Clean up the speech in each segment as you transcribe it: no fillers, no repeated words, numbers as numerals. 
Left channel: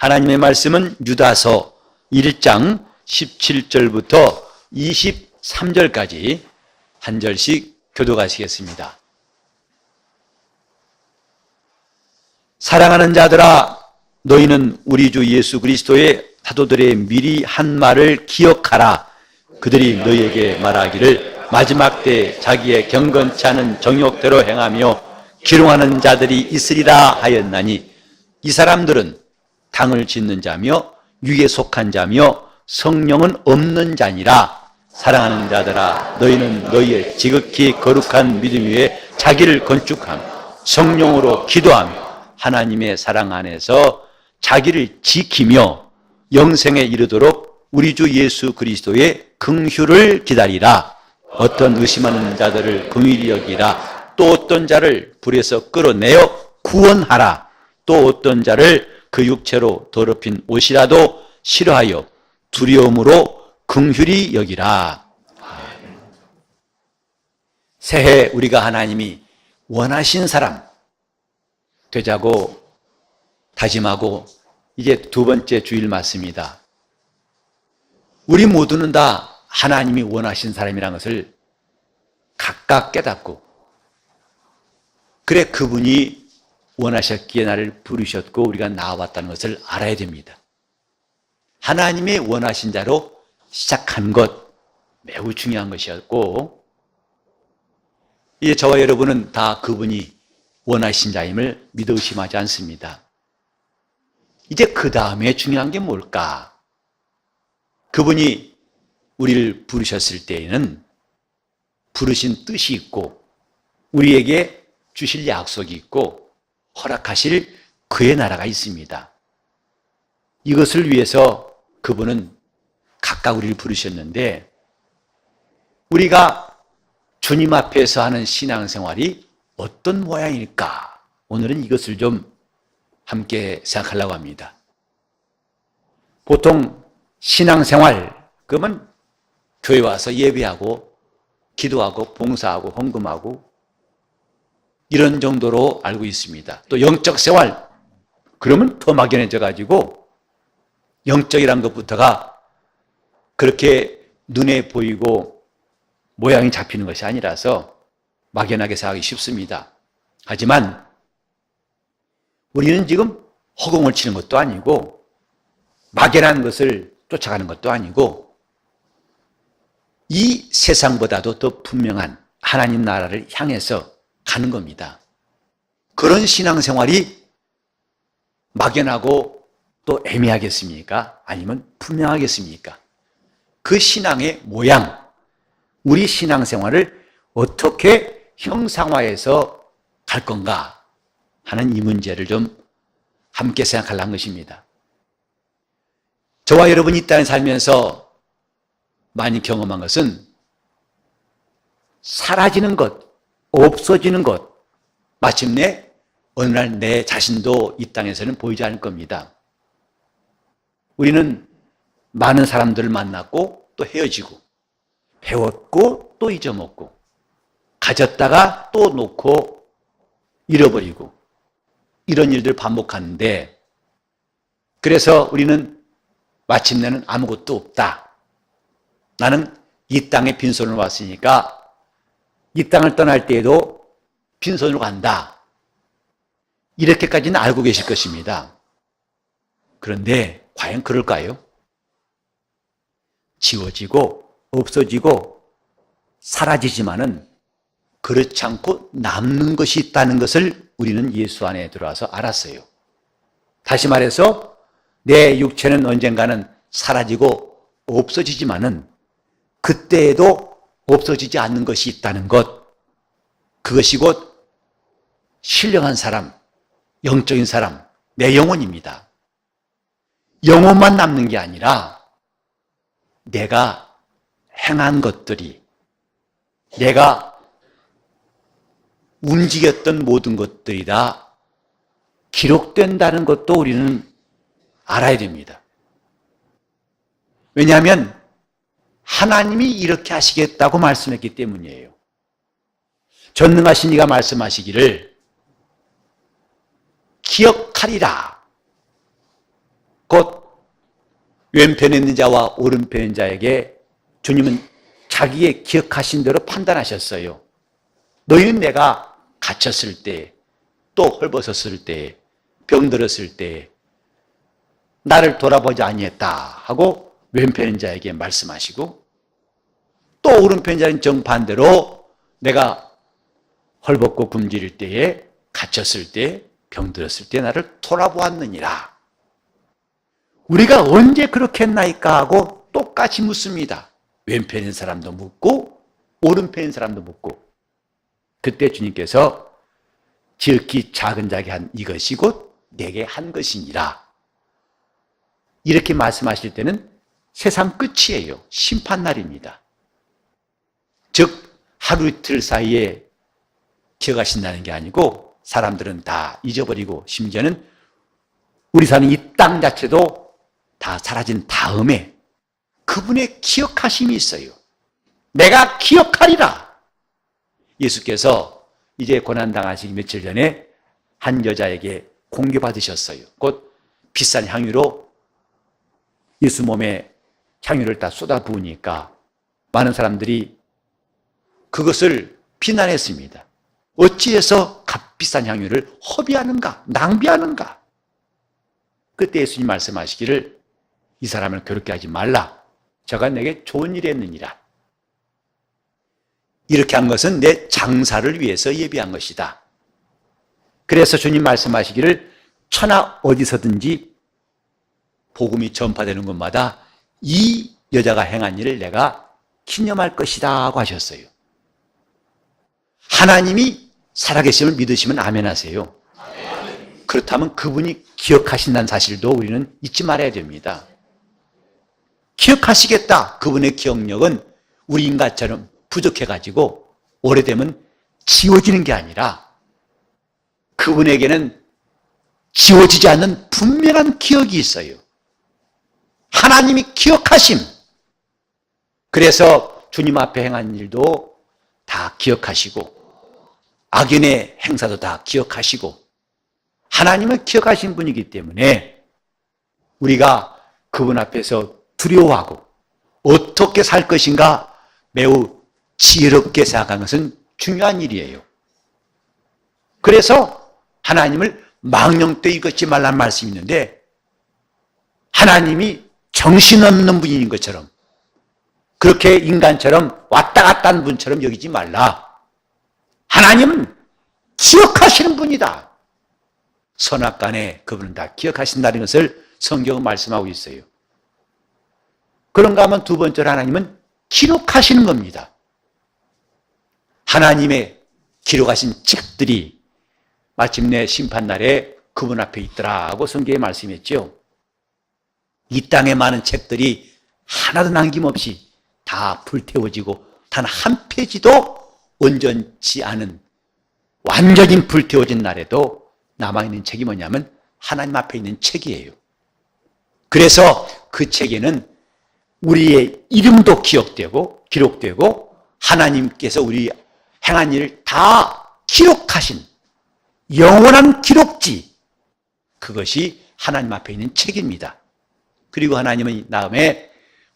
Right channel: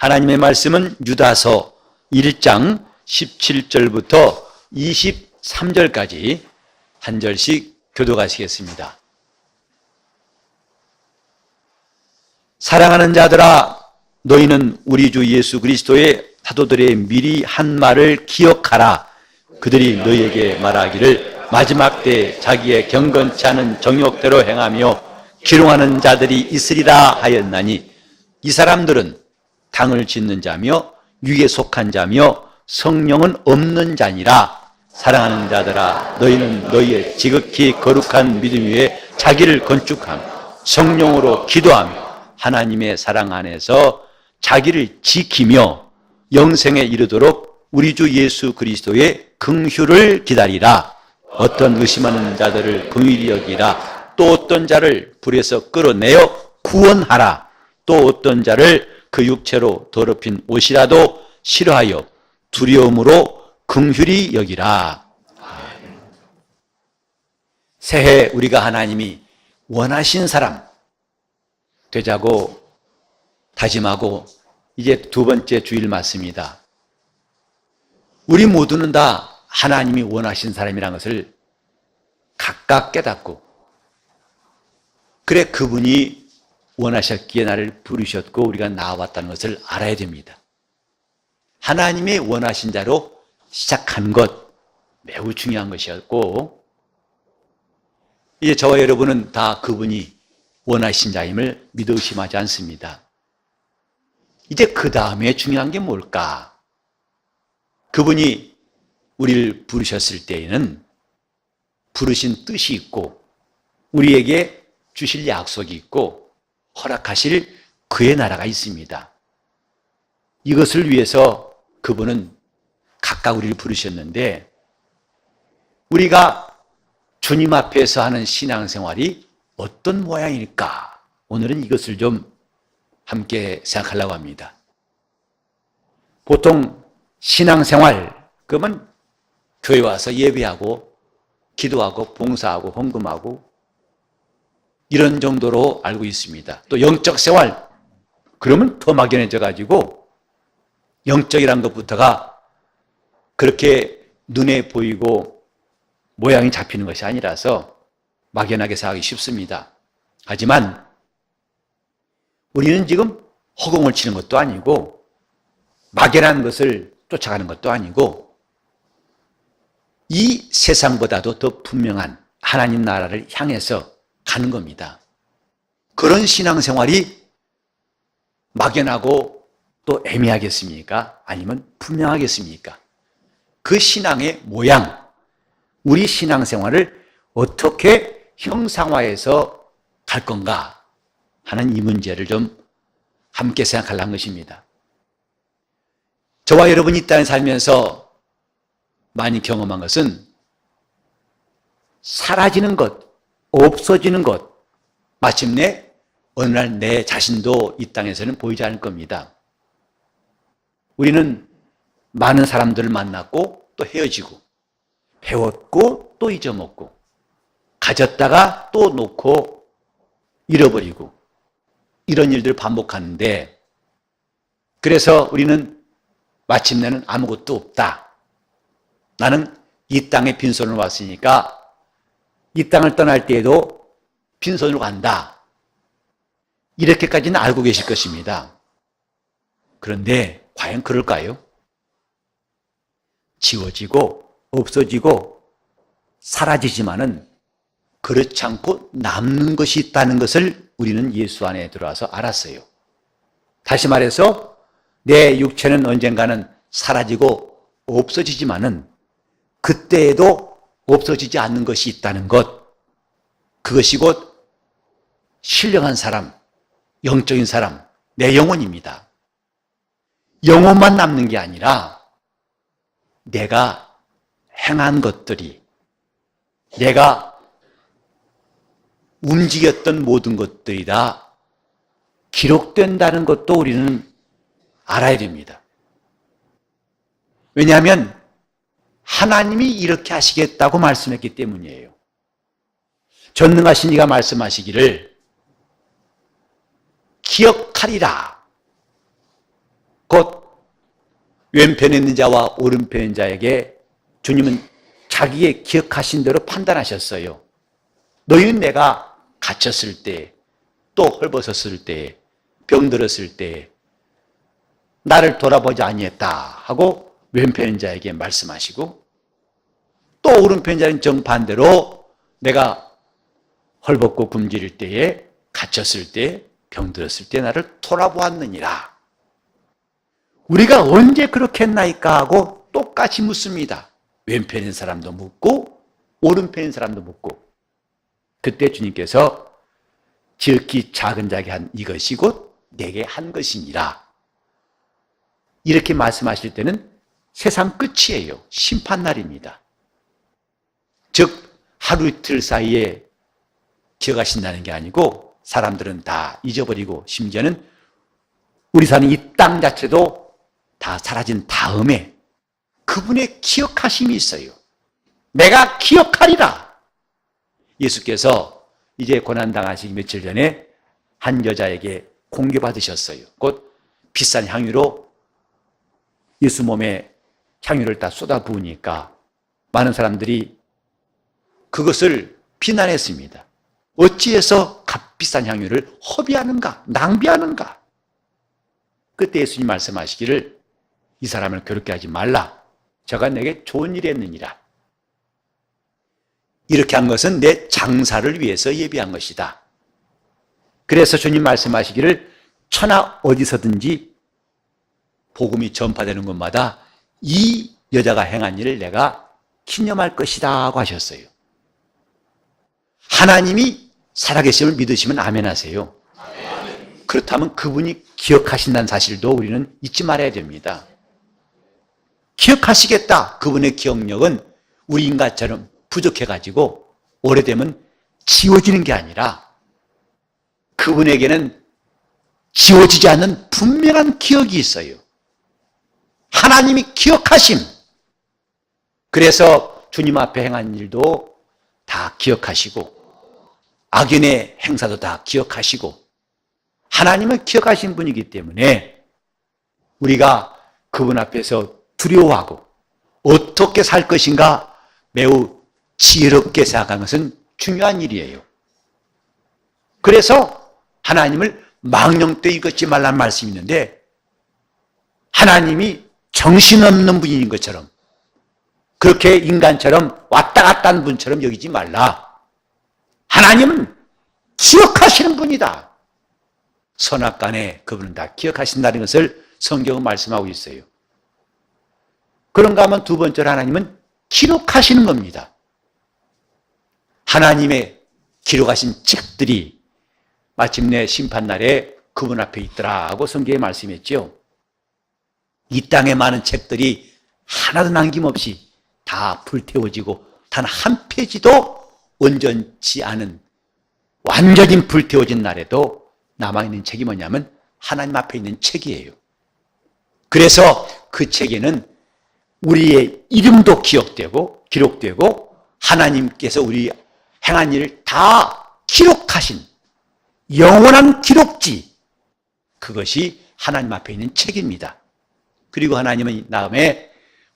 하나님의 말씀은 유다서 1장 17절부터 23절까지 한 절씩 교독하시겠습니다. 사랑하는 자들아, 너희는 우리 주 예수 그리스도의 사도들의 미리 한 말을 기억하라. 그들이 너희에게 말하기를 마지막 때 자기의 경건치 않은 정욕대로 행하며 기롱하는 자들이 있으리라 하였나니, 이 사람들은 당을 짓는 자며 육에 속한 자며 성령은 없는 자니라. 사랑하는 자들아, 너희는 너희의 지극히 거룩한 믿음 위에 자기를 건축함, 성령으로 기도함, 하나님의 사랑 안에서 자기를 지키며 영생에 이르도록 우리 주 예수 그리스도의 긍휼을 기다리라. 어떤 의심하는 자들을 긍휼히 여기라. 또 어떤 자를 불에서 끌어내어 구원하라. 또 어떤 자를 그 육체로 더럽힌 옷이라도 싫어하여 두려움으로 긍휼히 여기라. 새해 우리가 하나님이 원하신 사람 되자고 다짐하고 이제 두 번째 주일 말씀입니다. 우리 모두는 다 하나님이 원하신 사람이라는 것을 각각 깨닫고, 그래 그분이 원하셨기에 나를 부르셨고 우리가 나와봤다는 것을 알아야 됩니다. 하나님의 원하신 자로 시작한 것 매우 중요한 것이었고, 이제 저와 여러분은 다 그분이 원하신 자임을 믿어 의심하지 않습니다. 이제 그 다음에 중요한 게 뭘까? 그분이 우리를 부르셨을 때에는 부르신 뜻이 있고 우리에게 주실 약속이 있고 허락하실 그의 나라가 있습니다. 이것을 위해서 그분은 각각 우리를 부르셨는데, 우리가 주님 앞에서 하는 신앙생활이 어떤 모양일까? 오늘은 이것을 좀 함께 생각하려고 합니다. 보통 신앙생활, 그러면 교회 와서 예배하고 기도하고 봉사하고 헌금하고 이런 정도로 알고 있습니다. 또 영적 생활, 그러면 더 막연해져 가지고 영적이란 것부터가 그렇게 눈에 보이고 모양이 잡히는 것이 아니라서 막연하게 생각하기 쉽습니다. 하지만 우리는 지금 허공을 치는 것도 아니고 막연한 것을 쫓아가는 것도 아니고 이 세상보다도 더 분명한 하나님 나라를 향해서 가는 겁니다. 그런 신앙생활이 막연하고 또 애매하겠습니까? 아니면 분명하겠습니까? 그 신앙의 모양, 우리 신앙생활을 어떻게 형상화해서 갈 건가 하는 이 문제를 좀 함께 생각하려는 것입니다. 저와 여러분이 이 땅에 살면서 많이 경험한 것은 사라지는 것, 없어지는 것, 마침내 어느 날 내 자신도 이 땅에서는 보이지 않을 겁니다. 우리는 많은 사람들을 만났고 또 헤어지고, 배웠고 또 잊어먹고, 가졌다가 또 놓고 잃어버리고, 이런 일들을 반복하는데, 그래서 우리는 마침내는 아무것도 없다. 나는 이 땅에 빈손으로 왔으니까 이 땅을 떠날 때에도 빈손으로 간다. 이렇게까지는 알고 계실 것입니다. 그런데 과연 그럴까요? 지워지고 없어지고 사라지지만은 그렇지 않고 남는 것이 있다는 것을 우리는 예수 안에 들어와서 알았어요. 다시 말해서 내 육체는 언젠가는 사라지고 없어지지만은 그때에도 없어지지 않는 것이 있다는 것, 그것이 곧 신령한 사람, 영적인 사람, 내 영혼입니다. 영혼만 남는 게 아니라 내가 행한 것들이, 내가 움직였던 모든 것들이 다 기록된다는 것도 우리는 알아야 됩니다. 왜냐하면 하나님이 이렇게 하시겠다고 말씀했기 때문이에요. 전능하신 이가 말씀하시기를 기억하리라. 곧 왼편에 있는 자와 오른편에 있는 자에게 주님은 자기의 기억하신 대로 판단하셨어요. 너희는 내가 갇혔을 때, 또 헐벗었을 때, 병들었을 때 나를 돌아보지 아니했다 하고 왼편 자에게 말씀하시고, 또 오른편 자는 정반대로 내가 헐벗고 굶주릴 때에, 갇혔을 때, 병들었을 때 나를 돌아보았느니라. 우리가 언제 그렇게 했나이까 하고 똑같이 묻습니다. 왼편인 사람도 묻고 오른편인 사람도 묻고. 그때 주님께서 지극히 작은 자에게 한 이것이 곧 내게 한 것이니라. 이렇게 말씀하실 때는 세상 끝이에요. 심판날입니다. 즉 하루 이틀 사이에 기억하신다는 게 아니고 사람들은 다 잊어버리고 심지어는 우리 사는 이 땅 자체도 다 사라진 다음에 그분의 기억하심이 있어요. 내가 기억하리라. 예수께서 이제 고난당하시기 며칠 전에 한 여자에게 공개받으셨어요. 곧 비싼 향유로 예수 몸에 향유를 다 쏟아부으니까 많은 사람들이 그것을 비난했습니다. 어찌해서 값비싼 향유를 허비하는가, 낭비하는가. 그때 예수님 말씀하시기를 이 사람을 괴롭게 하지 말라. 저가 내게 좋은 일이 했느니라. 이렇게 한 것은 내 장사를 위해서 예비한 것이다. 그래서 주님 말씀하시기를 천하 어디서든지 복음이 전파되는 곳마다 이 여자가 행한 일을 내가 기념할 것이다 하고 하셨어요. 하나님이 살아계심을 믿으시면 아멘 하세요. 그렇다면 그분이 기억하신다는 사실도 우리는 잊지 말아야 됩니다. 기억하시겠다. 그분의 기억력은 우리 인간처럼 부족해가지고 오래되면 지워지는 게 아니라 그분에게는 지워지지 않는 분명한 기억이 있어요. 하나님이 기억하심. 그래서 주님 앞에 행한 일도 다 기억하시고 악인의 행사도 다 기억하시고 하나님은 기억하신 분이기 때문에 우리가 그분 앞에서 두려워하고 어떻게 살 것인가 매우 지혜롭게 생각하는 것은 중요한 일이에요. 그래서 하나님을 망령되이 걷지 말란 말씀이 있는데 하나님이 정신없는 분인 것처럼 그렇게 인간처럼 왔다 갔다 하는 분처럼 여기지 말라. 하나님은 기억하시는 분이다. 선악간에 그분은 다 기억하신다는 것을 성경은 말씀하고 있어요. 그런가 하면 두 번째로 하나님은 기록하시는 겁니다. 하나님의 기록하신 책들이 마침내 심판날에 그분 앞에 있더라 하고 성경에 말씀했죠. 이 땅의 많은 책들이 하나도 남김없이 다 불태워지고 단 한 페이지도 온전치 않은 완전히 불태워진 날에도 남아있는 책이 뭐냐면 하나님 앞에 있는 책이에요. 그래서 그 책에는 우리의 이름도 기록되고 하나님께서 우리 행한 일을 다 기록하신 영원한 기록지, 그것이 하나님 앞에 있는 책입니다. 그리고 하나님은 다음에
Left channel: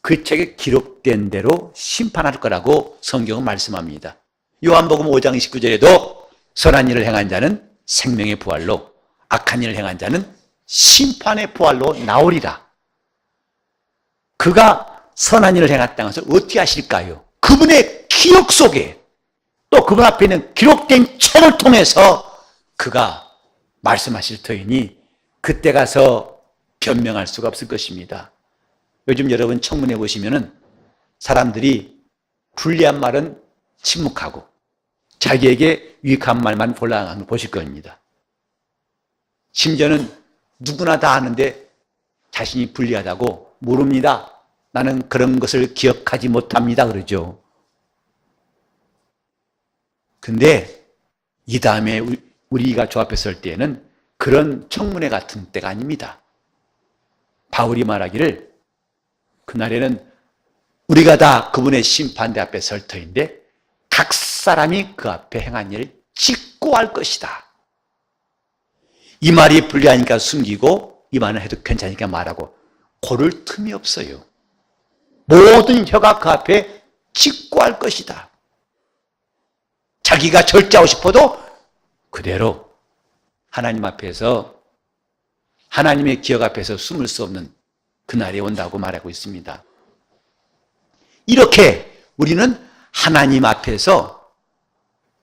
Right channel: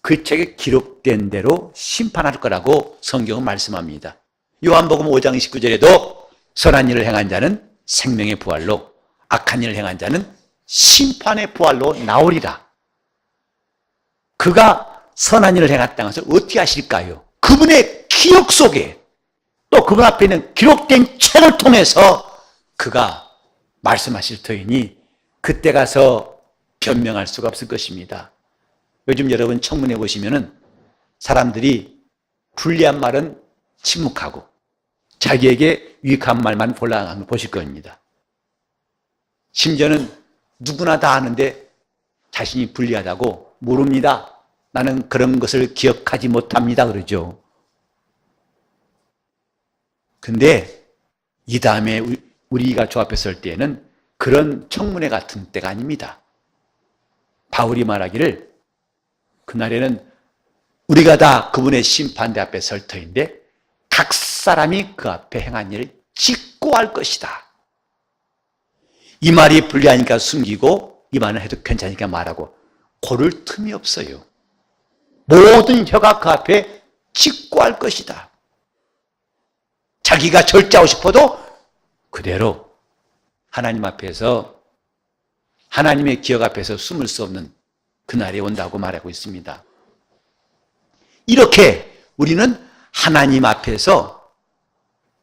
그 책에 기록된 대로 심판할 거라고 성경은 말씀합니다. 요한복음 5장 19절에도 선한 일을 행한 자는 생명의 부활로, 악한 일을 행한 자는 심판의 부활로 나오리라. 그가 선한 일을 행했다는 것을 어떻게 하실까요? 그분의 기억 속에 또 그분 앞에 있는 기록된 책을 통해서 그가 말씀하실 터이니 그때 가서 변명할 수가 없을 것입니다. 요즘 여러분 청문회 보시면은 사람들이 불리한 말은 침묵하고 자기에게 유익한 말만 골라가는 거 보실 겁니다. 심지어는 누구나 다 아는데 자신이 불리하다고 모릅니다. 나는 그런 것을 기억하지 못합니다. 그러죠. 근데 이 다음에 우리가 저 앞에 설 때에는 그런 청문회 같은 때가 아닙니다. 바울이 말하기를 그날에는 우리가 다 그분의 심판대 앞에 설 터인데 각 사람이 그 앞에 행한 일을 직고할 것이다. 이 말이 불리하니까 숨기고 입안을 해도 괜찮으니까 말하고 고를 틈이 없어요. 모든 혀가 그 앞에 직고할 것이다. 자기가 절제하고 싶어도 그대로 하나님 앞에서, 하나님의 기억 앞에서 숨을 수 없는 그날이 온다고 말하고 있습니다. 이렇게 우리는 하나님 앞에서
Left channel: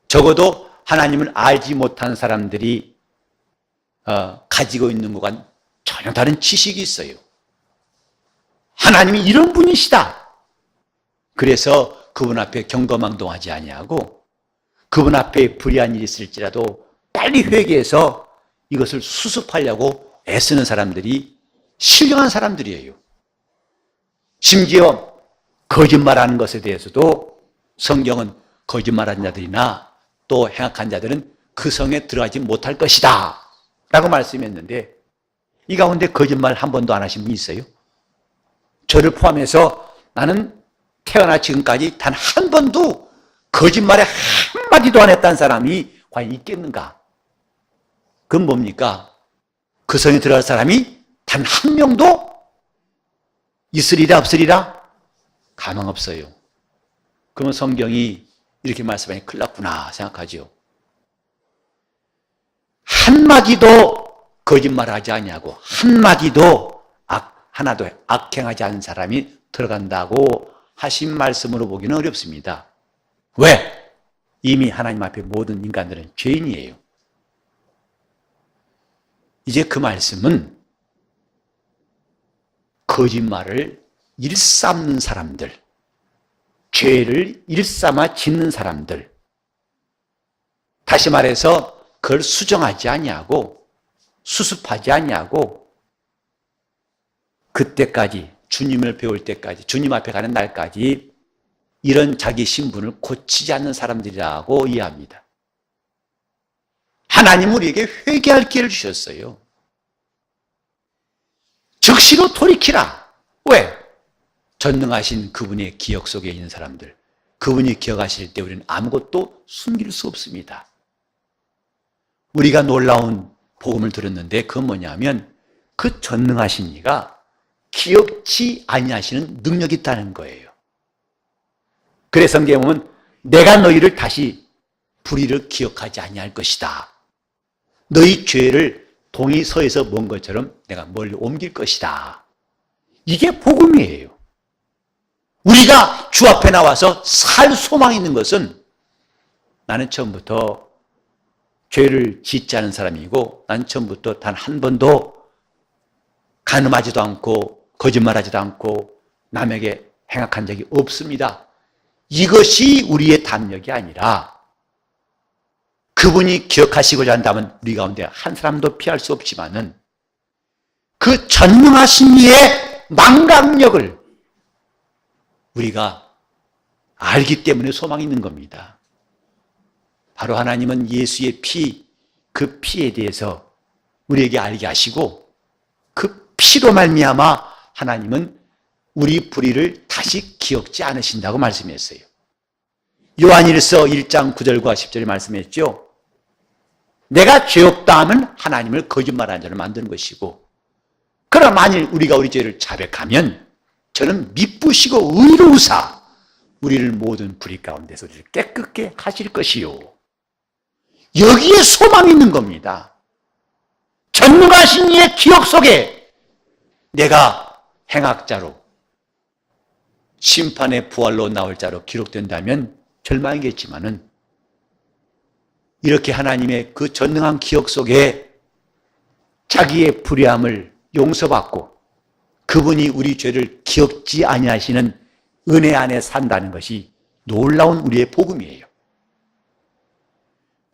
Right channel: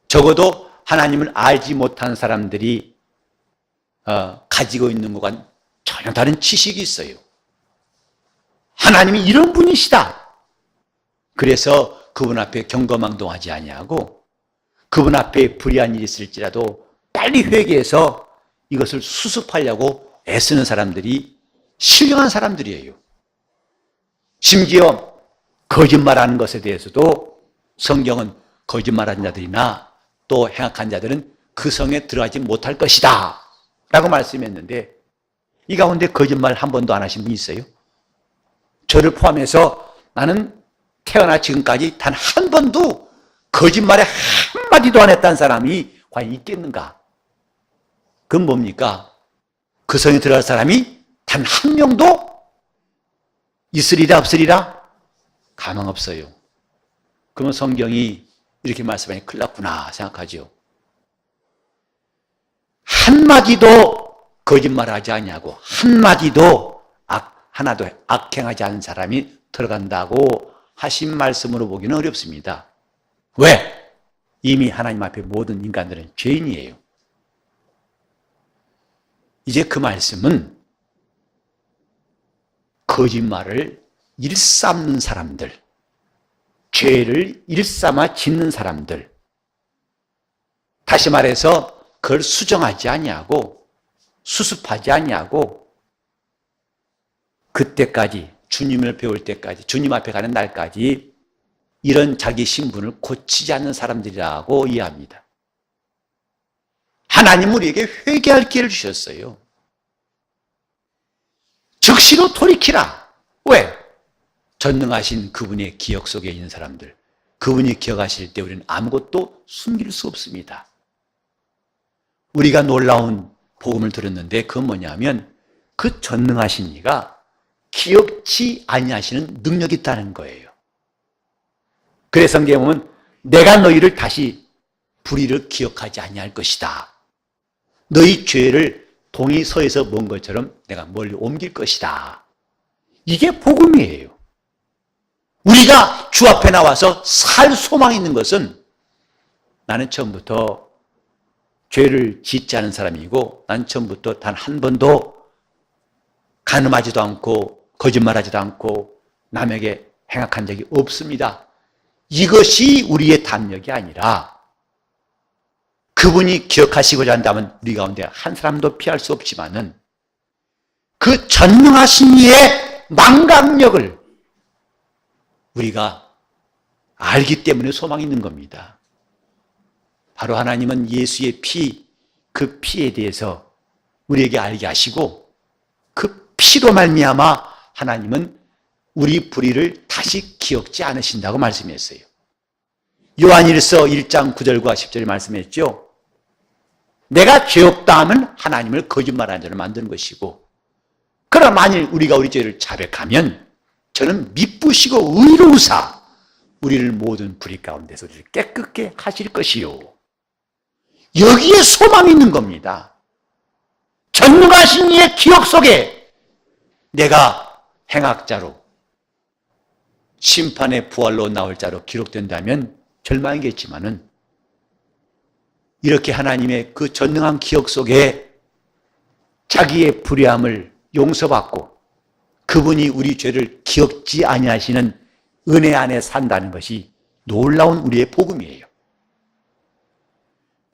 적어도 하나님을 알지 못한 사람들이 가지고 있는 것과는 전혀 다른 지식이 있어요. 하나님이 이런 분이시다. 그래서 그분 앞에 경거망동하지 아니하고 그분 앞에 불의한 일이 있을지라도 빨리 회개해서 이것을 수습하려고 애쓰는 사람들이 신령한 사람들이에요. 심지어 거짓말하는 것에 대해서도 성경은 거짓말하는 자들이나 또 행악한 자들은 그 성에 들어가지 못할 것이다 라고 말씀했는데, 이 가운데 거짓말 한 번도 안 하신 분이 있어요? 저를 포함해서 나는 태어나 지금까지 단 한 번도 거짓말에 한마디도 안 했다는 사람이 과연 있겠는가? 그건 뭡니까? 그 성에 들어갈 사람이 단 한 명도 있으리라 없으리라? 가망 없어요. 그러면 성경이 이렇게 말씀하니 큰일 났구나 생각하죠. 한마디도 거짓말하지 아니하고 한마디도 하나도 악행하지 않은 사람이 들어간다고 하신 말씀으로 보기는 어렵습니다. 왜? 이미 하나님 앞에 모든 인간들은 죄인이에요. 이제 그 말씀은 거짓말을 일삼는 사람들, 죄를 일삼아 짓는 사람들, 다시 말해서 그걸 수정하지 아니하고 수습하지 아니하고 그때까지 주님을 배울 때까지 주님 앞에 가는 날까지 이런 자기 신분을 고치지 않는 사람들이라고 이해합니다. 하나님은 우리에게 회개할 기회를 주셨어요. 즉시로 돌이키라. 왜? 전능하신 그분의 기억 속에 있는 사람들, 그분이 기억하실 때 우리는 아무것도 숨길 수 없습니다. 우리가 놀라운 복음을 들었는데 그건 뭐냐면 그 전능하신 이가 기억지 아니하시는 능력이 있다는 거예요. 그래서 성경에 보면 내가 너희를 다시 불의를 기억하지 아니할 것이다. 너희 죄를 동이 서에서 먼 것처럼 내가 멀리 옮길 것이다. 이게 복음이에요. 우리가 주 앞에 나와서 살 소망이 있는 것은 나는 처음부터 죄를 짓지 않은 사람이고 난 처음부터 단 한 번도 간음하지도 않고 거짓말하지도 않고 남에게 행악한 적이 없습니다. 이것이 우리의 담력이 아니라 그분이 기억하시고자 한다면 우리 가운데 한 사람도 피할 수 없지만은 그 전능하신 이의 망각력을 우리가 알기 때문에 소망이 있는 겁니다. 바로 하나님은 예수의 피, 그 피에 대해서 우리에게 알게 하시고 그 피로 말미암아 하나님은 우리 불의를 다시 기억지 않으신다고 말씀했어요. 요한일서 1장 9절과 10절에 말씀했죠. 내가 죄 없다 하면 하나님을 거짓말하는 자를 만드는 것이고, 그러나 만일 우리가 우리 죄를 자백하면 저는 미쁘시고 의로우사 우리를 모든 불의 가운데서 우리를 깨끗게 하실 것이요. 여기에 소망이 있는 겁니다. 전능하신 이의 기억 속에 내가 행악자로 심판의 부활로 나올 자로 기록된다면 절망이겠지만은 이렇게 하나님의 그 전능한 기억 속에 자기의 불의함을 용서받고 그분이 우리 죄를 기억지 아니하시는 은혜 안에 산다는 것이 놀라운 우리의 복음이에요.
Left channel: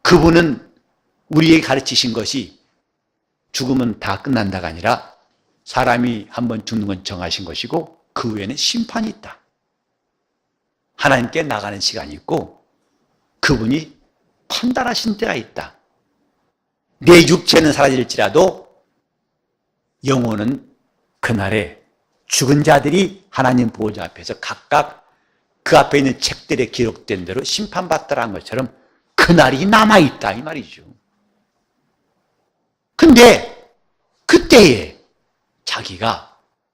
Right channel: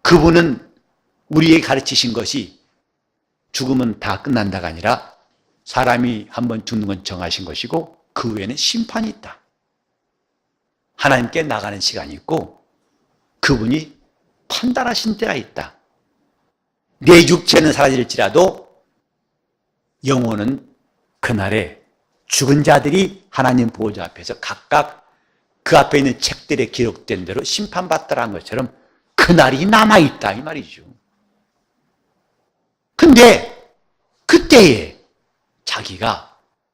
그분은 우리에게 가르치신 것이 죽으면 다 끝난다가 아니라 사람이 한번 죽는 건 정하신 것이고 그 후에는 심판이 있다. 하나님께 나가는 시간이 있고 그분이 판단하신 때가 있다. 내 육체는 사라질지라도 영혼은 그날에 죽은 자들이 하나님 보호자 앞에서 각각 그 앞에 있는 책들에 기록된 대로 심판받더라는 것처럼 그날이 남아있다 이 말이죠. 근데 그때에 자기가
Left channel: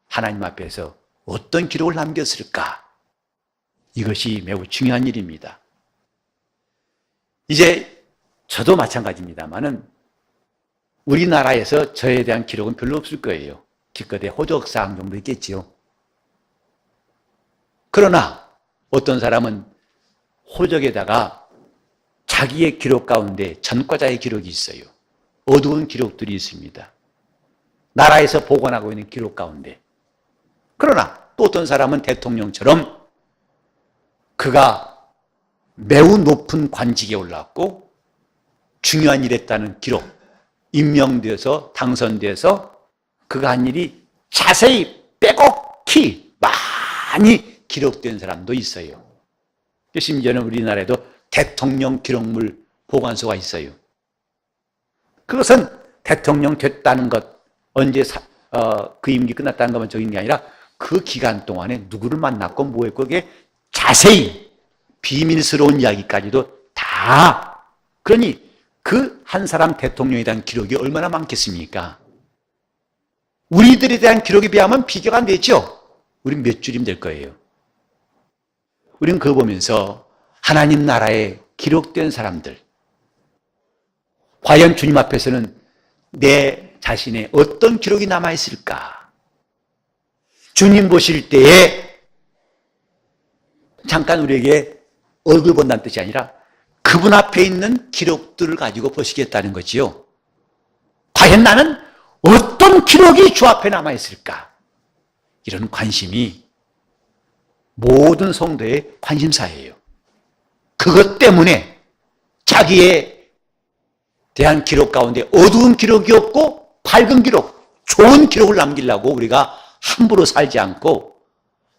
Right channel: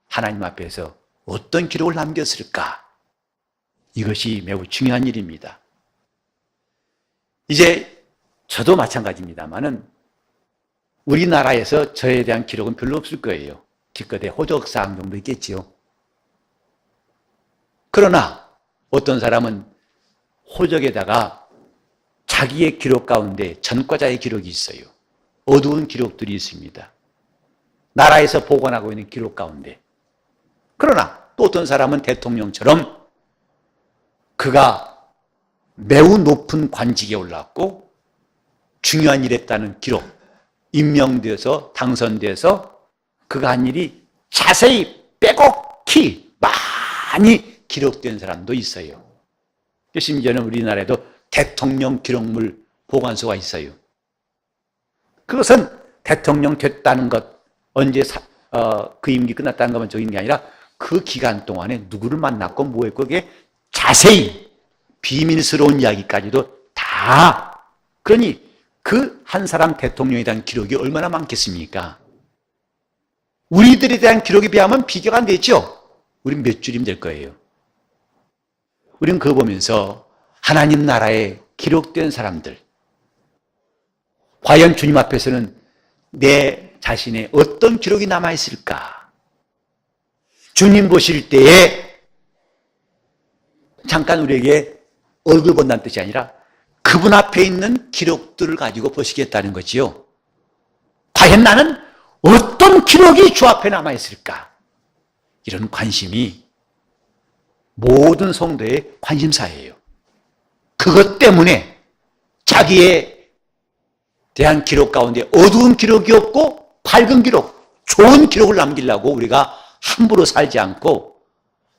하나님 앞에서 어떤 기록을 남겼을까? 이것이 매우 중요한 일입니다. 이제 저도 마찬가지입니다만은 우리나라에서 저에 대한 기록은 별로 없을 거예요. 기껏해 호적사항 정도 있겠지요. 그러나 어떤 사람은 호적에다가 자기의 기록 가운데 전과자의 기록이 있어요. 어두운 기록들이 있습니다. 나라에서 보관하고 있는 기록 가운데. 그러나 또 어떤 사람은 대통령처럼 그가 매우 높은 관직에 올랐고 중요한 일 했다는 기록, 임명돼서 당선돼서 그가 한 일이 자세히 빼곡히 많이 기록된 사람도 있어요. 심지어는 우리나라에도 대통령 기록물 보관소가 있어요. 그것은 대통령 됐다는 것, 언제 그 임기 끝났다는 것만 적인 게 아니라 그 기간 동안에 누구를 만났고 뭐 했고 그게 자세히 비밀스러운 이야기까지도 다. 그러니 그 한 사람 대통령에 대한 기록이 얼마나 많겠습니까? 우리들에 대한 기록에 비하면 비교가 안 되죠. 우린 몇 줄이면 될 거예요. 우린 그거 보면서 하나님 나라에 기록된 사람들, 과연 주님 앞에서는 내 자신의 어떤 기록이 남아있을까? 주님 보실 때에 잠깐 우리에게 얼굴 본다는 뜻이 아니라 그분 앞에 있는 기록들을 가지고 보시겠다는 거지요. 과연 나는 어떤 기록이 주 앞에 남아있을까? 이런 관심이 모든 성도의 관심사예요. 그것 때문에 자기에 대한 기록 가운데 어두운 기록이 없고 밝은 기록, 좋은 기록을 남기려고 우리가 함부로 살지 않고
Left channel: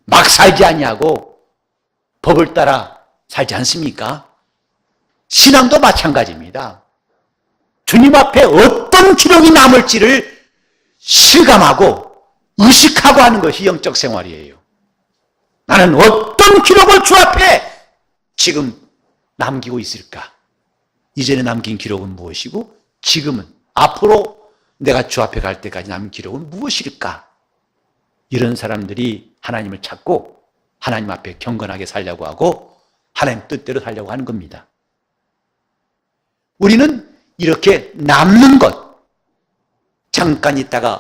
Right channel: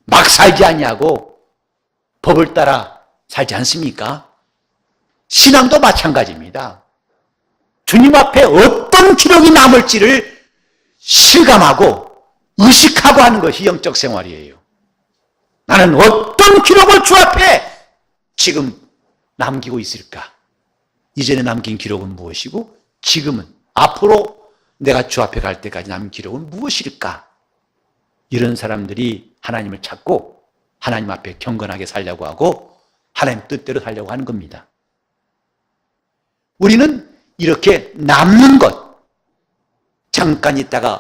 막 살지 아니하고 법을 따라 살지 않습니까? 신앙도 마찬가지입니다. 주님 앞에 어떤 기록이 남을지를 실감하고 의식하고 하는 것이 영적 생활이에요. 나는 어떤 기록을 주 앞에 지금 남기고 있을까? 이전에 남긴 기록은 무엇이고 지금은 앞으로 내가 주 앞에 갈 때까지 남긴 기록은 무엇일까? 이런 사람들이 하나님을 찾고 하나님 앞에 경건하게 살려고 하고 하나님 뜻대로 살려고 하는 겁니다. 우리는 이렇게 남는 것, 잠깐 있다가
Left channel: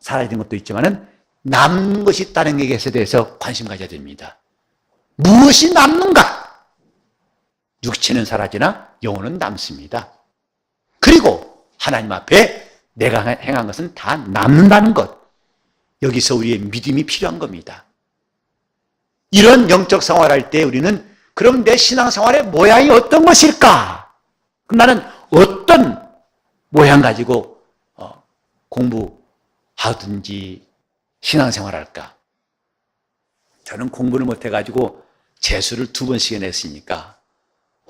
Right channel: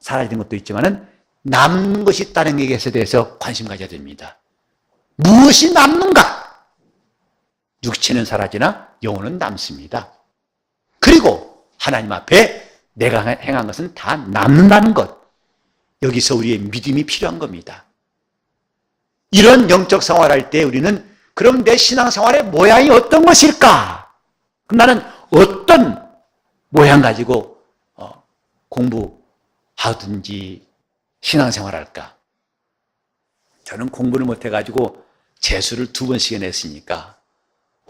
사라지는 것도 있지만은 남는 것이 있다는 얘기에 대해서 관심 가져야 됩니다. 무엇이 남는가? 육체는 사라지나 영혼은 남습니다. 그리고 하나님 앞에 내가 행한 것은 다 남는다는 것. 여기서 우리의 믿음이 필요한 겁니다. 이런 영적 생활할 때 우리는 그럼 내 신앙생활의 모양이 어떤 것일까? 그럼 나는 어떤 모양 가지고 공부하든지 신앙생활할까? 저는 공부를 못해가지고 재수를 2번씩 냈으니까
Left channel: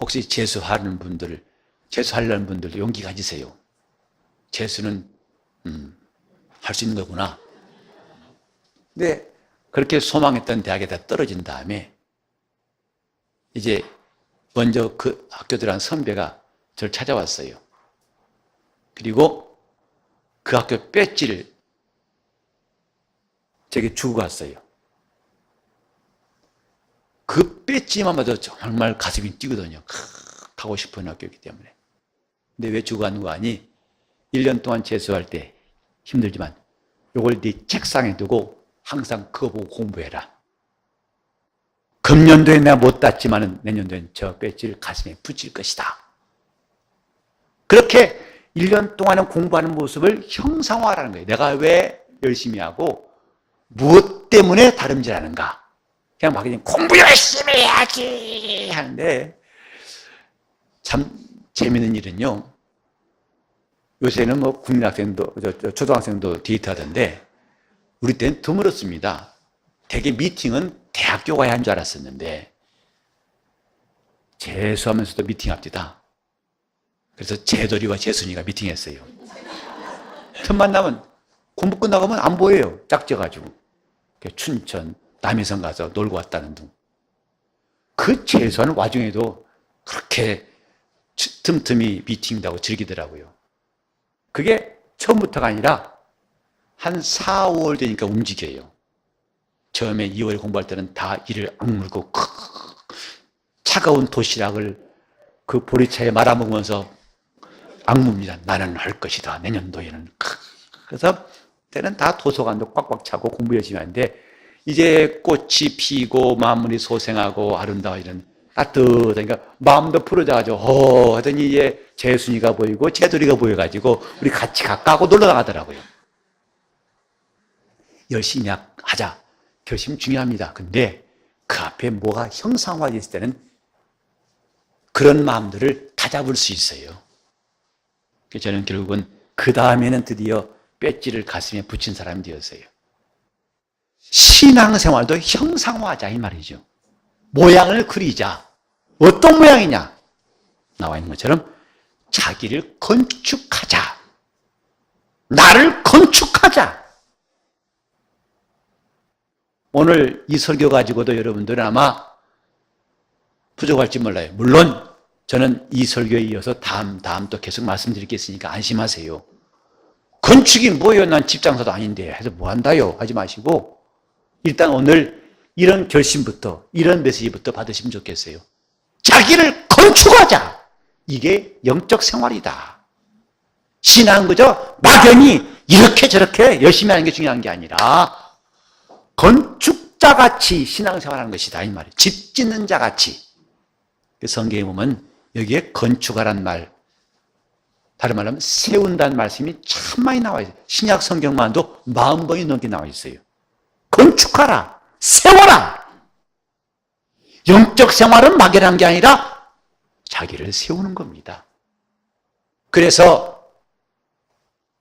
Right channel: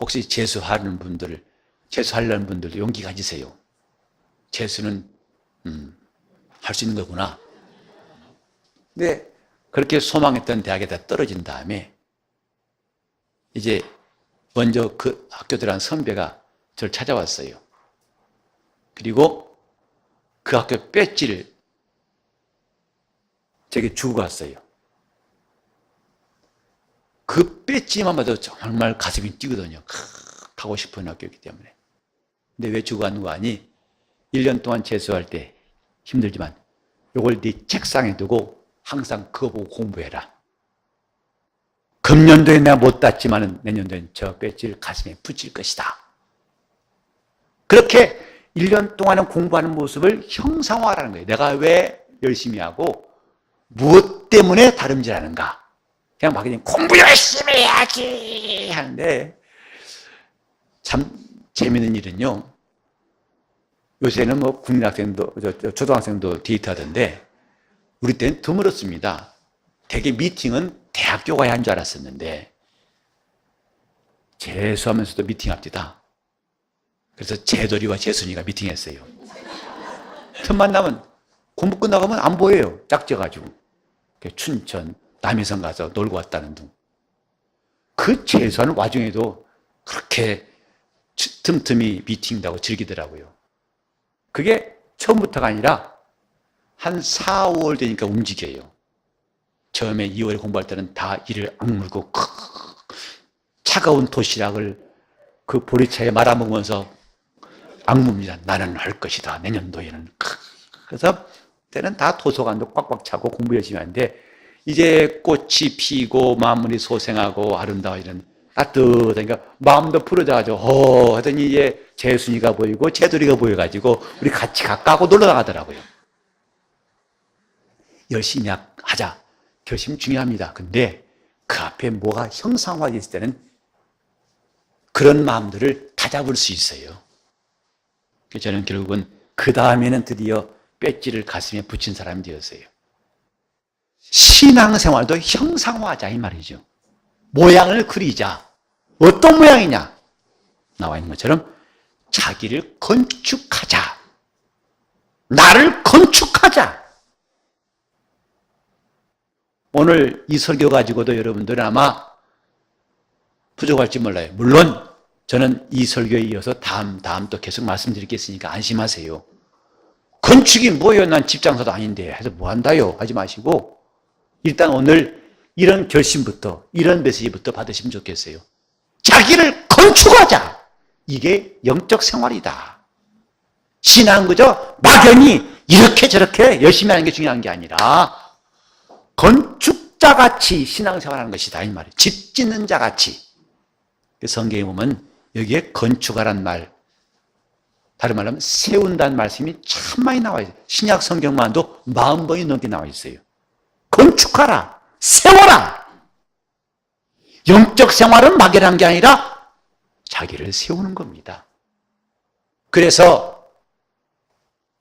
혹시 재수하려는 분들 용기 가지세요. 재수는 할 수 있는 거구나. 근데 그렇게 소망했던 대학에다 떨어진 다음에 이제 먼저 그 학교 들어간 선배가 저를 찾아왔어요. 그리고 그 학교 배지를 제게 주고 갔어요. 그 배지만 봐도 정말 가슴이 뛰거든요. 가고 싶은 학교이기 때문에. 근데 왜 주고 가는 거 아니? 1년 동안 재수할 때 힘들지만 이걸 네 책상에 두고 항상 그거 보고 공부해라. 금년도에 내가 못 땄지만 내년도엔 저 배지를 가슴에 붙일 것이다. 그렇게 1년 동안은 공부하는 모습을 형상화하라는 거예요. 내가 왜 열심히 하고 무엇 때문에 다름질하는가. 그냥 막 공부 열심히 해야지 하는데 참 재미있는 일은요. 요새는 뭐 국민학생도 초등학생도 데이트하던데 우리 때는 드물었습니다. 되게 미팅은 대학교 가야 한 줄 알았었는데 재수하면서도 미팅합니다. 그래서 재돌이와 재순이가 미팅했어요. 첫 만나면 공부 끝나가면 안 보여요. 짝져가지고. 춘천, 남해성 가서 놀고 왔다는 등. 그 재수하는 와중에도 그렇게 틈틈이 미팅도 하고 즐기더라고요. 그게 처음부터가 아니라 한 4, 5월 되니까 움직여요. 처음에 2월 공부할 때는 다 이를 악물고 차가운 도시락을 그 보리차에 말아먹으면서 악무입니다. 나는 할 것이다. 내년도에는. 그래서 때는 다 도서관도 꽉꽉 차고 공부 열심히 하는데 이제 꽃이 피고 마무리 소생하고 아름다워 이런 따뜻하니까 마음도 풀어져가지고 하더니 이제 재순이가 보이고 재돌이가 보여가지고 우리 같이 가까고 놀러가더라고요. 열심히 하자. 결심 중요합니다. 근데 그 앞에 뭐가 형상화되어 있을 때는 그런 마음들을 다 잡을 수 있어요. 저는 결국은 그 다음에는 드디어 배지를 가슴에 붙인 사람이 되었어요. 신앙생활도 형상화하자 이 말이죠. 모양을 그리자. 어떤 모양이냐? 나와 있는 것처럼 자기를 건축하자. 나를 건축하자. 오늘 이 설교 가지고도 여러분들은 아마 부족할지 몰라요. 물론 저는 이 설교에 이어서 다음 또 계속 말씀드리겠으니까 안심하세요. 건축이 뭐예요? 난 집장사도 아닌데 해서 뭐 한다요? 하지 마시고 일단 오늘 이런 결심부터 이런 메시지부터 받으시면 좋겠어요. 자기를 건축하자. 이게 영적 생활이다. 신앙은 그저 막연히 이렇게 저렇게 열심히 하는 게 중요한 게 아니라 건축자같이 신앙생활하는 것이다 이 말이에요. 집 짓는 자같이. 성경에 보면 여기에 건축하란 말, 다른 말로 하면 세운다는 말씀이 참 많이 나와 있어요. 신약 성경만도 40번이 넘게 나와 있어요. 건축하라, 세워라. 영적 생활은 막연한 게 아니라 자기를 세우는 겁니다. 그래서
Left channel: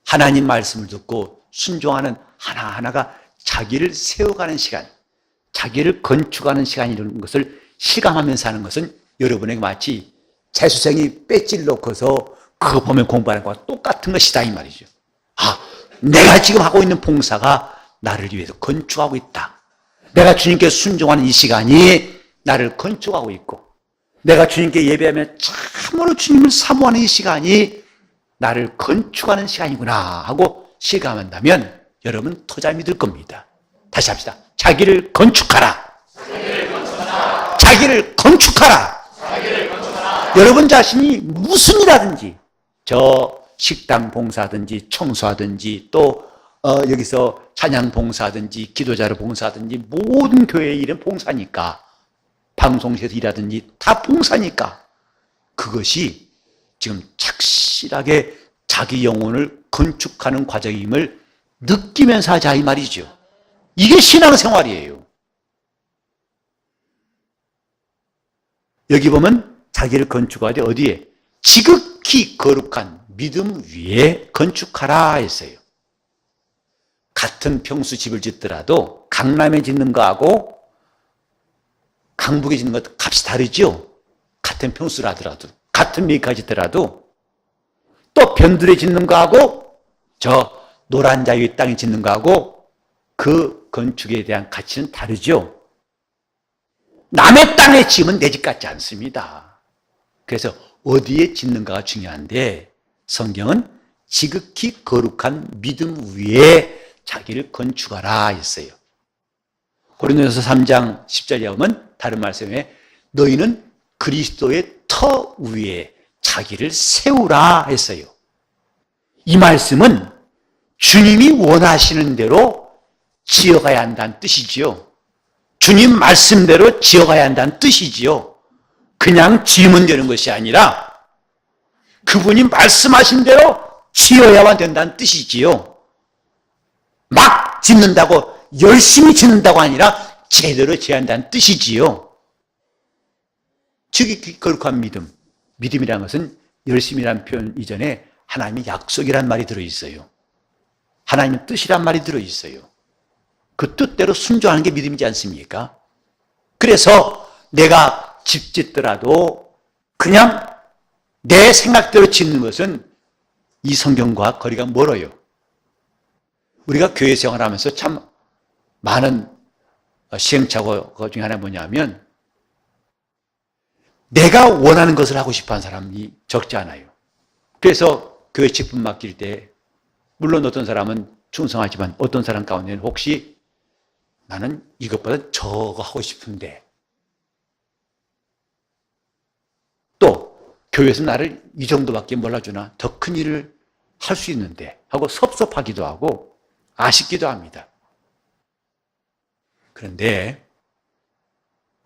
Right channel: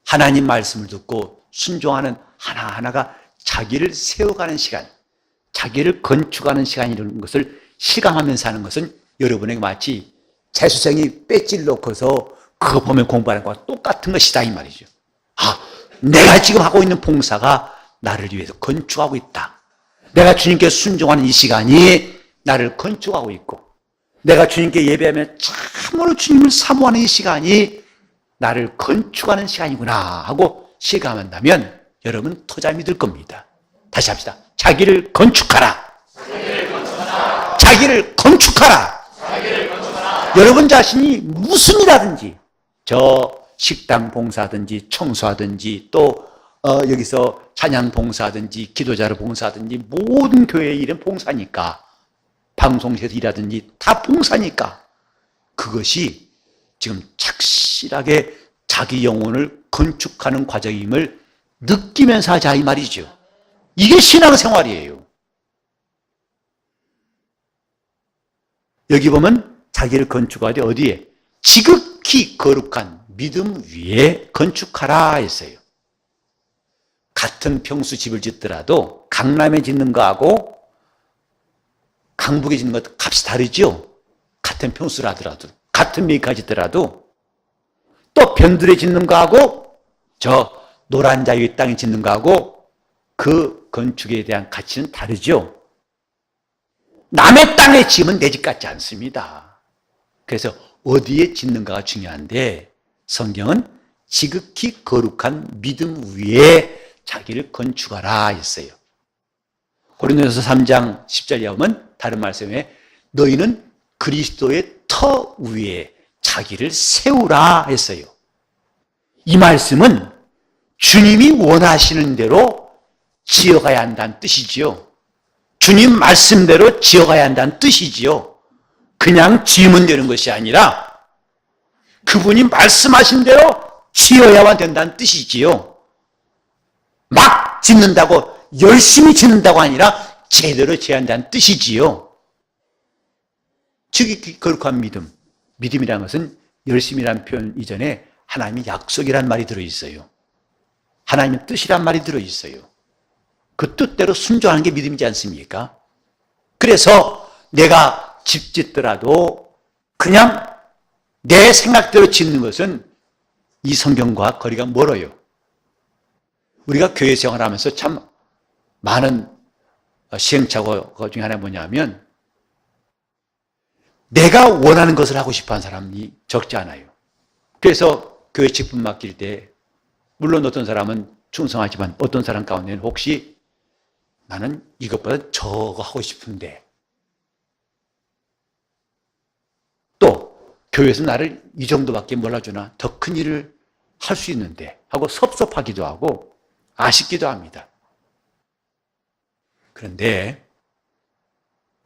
하나님 말씀을 듣고 순종하는 하나하나가 자기를 세워가는 시간, 자기를 건축하는 시간이라는 것을 실감하면서 하는 것은 여러분에게 마치 재수생이 배지를 놓고서 그거 보면 공부하는 것과 똑같은 것이다 이 말이죠. 내가 지금 하고 있는 봉사가 나를 위해서 건축하고 있다. 내가 주님께 순종하는 이 시간이 나를 건축하고 있고 내가 주님께 예배하며 참으로 주님을 사모하는 이 시간이 나를 건축하는 시간이구나 하고 실감한다면 여러분 토잠이 들 겁니다. 다시 합시다. 자기를 건축하라. 자기를 건축하라. 여러분 자신이 무슨 일하든지 저 식당 봉사하든지 청소하든지 또 여기서 찬양 봉사하든지 기도자로 봉사하든지 모든 교회의 일은 봉사니까 방송실에서 일하든지 다 봉사니까 그것이 지금 착실하게 자기 영혼을 건축하는 과정임을 느끼면서 하자 이 말이죠. 이게 신앙생활이에요. 여기 보면 자기를 건축하되 어디에? 지극히 거룩한 믿음 위에 건축하라 했어요. 같은 평수 집을 짓더라도 강남에 짓는 거하고 강북에 짓는 것도 값이 다르죠. 같은 평수라 하더라도 같은 메이커 짓더라도 또 변두리에 짓는 거하고 저 노란 자유의 땅에 짓는 거하고 그 건축에 대한 가치는 다르죠. 남의 땅에 지으면 내 집 같지 않습니다. 그래서 어디에 짓는가가 중요한데 성경은 지극히 거룩한 믿음 위에 자기를 건축하라 했어요. 고린도전서 3장 10절에 보면 다른 말씀에 너희는 그리스도의 터 위에 자기를 세우라 했어요. 이 말씀은 주님이 원하시는 대로 지어가야 한다는 뜻이지요. 주님 말씀대로 지어가야 한다는 뜻이지요. 그냥 지으면 되는 것이 아니라 그분이 말씀하신 대로 지어야만 된다는 뜻이지요. 막 짓는다고 열심히 짓는다고 아니라 제대로 지어야 한다는 뜻이지요. 즉 거룩한 믿음. 믿음이라는 것은 열심이라는 표현 이전에 하나님의 약속이란 말이 들어있어요. 하나님의 뜻이란 말이 들어있어요. 그 뜻대로 순종하는 게 믿음이지 않습니까? 그래서 내가 집 짓더라도 그냥 내 생각대로 짓는 것은 이 성경과 거리가 멀어요. 우리가 교회 생활하면서 참 많은 시행착오 중에 하나 뭐냐면 내가 원하는 것을 하고 싶어하는 사람이 적지 않아요. 그래서 교회 직분 맡길 때 물론 어떤 사람은 충성하지만 어떤 사람 가운데는 혹시 나는 이것보다 저거 하고 싶은데, 또 교회에서 나를 이 정도밖에 몰라주나 더 큰 일을 할 수 있는데 하고 섭섭하기도 하고 아쉽기도 합니다. 그런데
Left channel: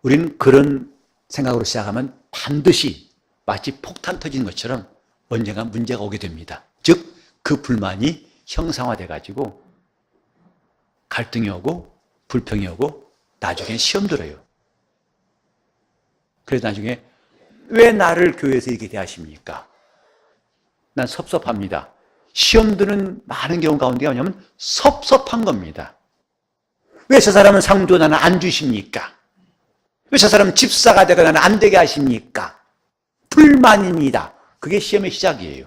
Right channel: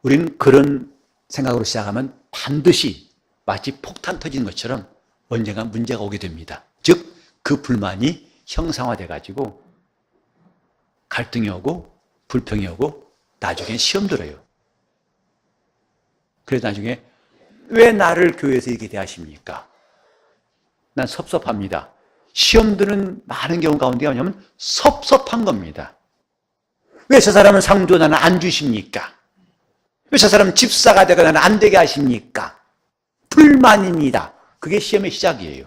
우리는 그런 생각으로 시작하면 반드시 마치 폭탄 터진 것처럼 언젠가 문제가 오게 됩니다. 즉, 그 불만이 형상화돼 가지고 갈등이 오고 불평이 오고 나중에 시험 들어요. 그래서 나중에 왜 나를 교회에서 이렇게 대하십니까? 난 섭섭합니다. 시험 드는 많은 경우 가운데 뭐냐면 섭섭한 겁니다. 왜 저 사람은 상도 나는 안 주십니까? 왜 저 사람은 집사가 되고 나는 안 되게 하십니까? 불만입니다. 그게 시험의 시작이에요.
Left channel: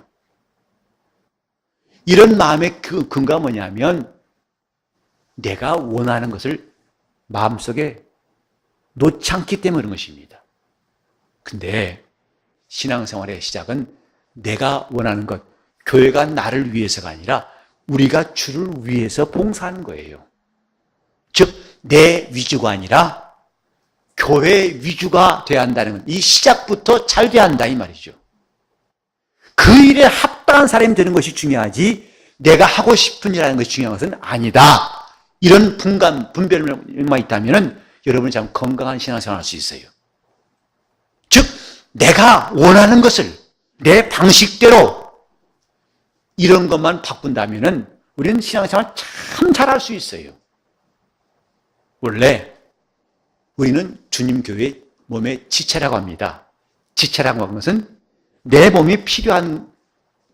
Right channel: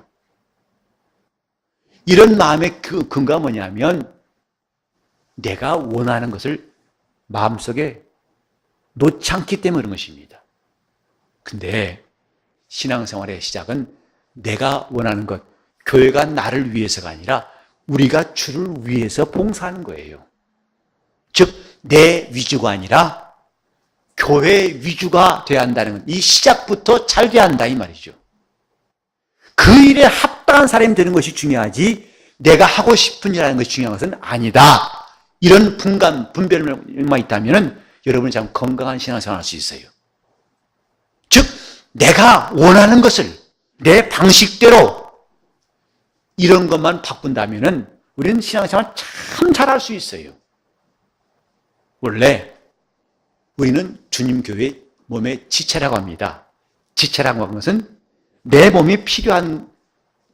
이런 마음의 그 근거가 뭐냐면 내가 원하는 것을 마음속에 놓지 않기 때문에 그런 것입니다. 근데 신앙생활의 시작은 내가 원하는 것, 교회가 나를 위해서가 아니라 우리가 주를 위해서 봉사하는 거예요. 즉, 내 위주가 아니라 교회 위주가 돼야 한다는 이 시작부터 잘 돼야 한다 이 말이죠. 그 일에 합당한 사람이 되는 것이 중요하지 내가 하고 싶은 일하는 것이 중요한 것은 아니다. 이런 분별만 있다면 여러분이 참 건강한 신앙생활을 할 수 있어요. 즉, 내가 원하는 것을 내 방식대로 이런 것만 바꾼다면 우리는 신앙생활 참 잘할 수 있어요. 원래 우리는 주님 교회 몸의 지체라고 합니다. 지체라고 하는 것은 내 몸이 필요한